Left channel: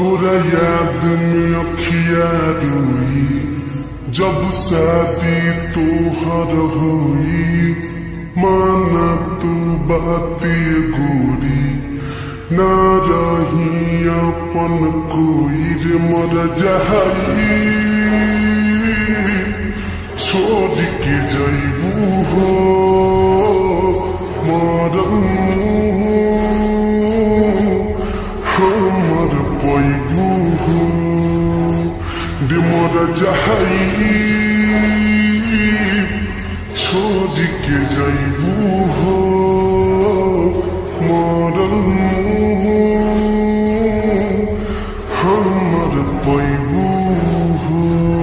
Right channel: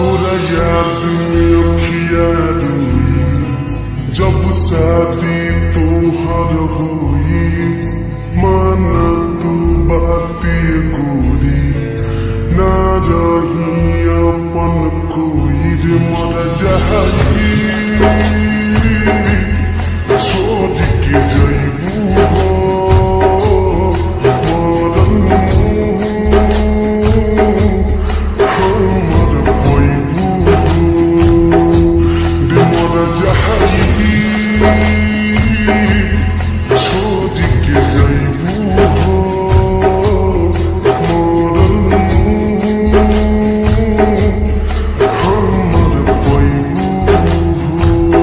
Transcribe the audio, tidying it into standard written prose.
तोरा याद में अखिया रोई जब शादी तोहर होई माना तू बाती गोरी ना रही अपन कोई रे मर जाई छोड़ के जइबू हो मरन हमर पैबू हो रे मर जाई छोड़ के जइबू हो मरन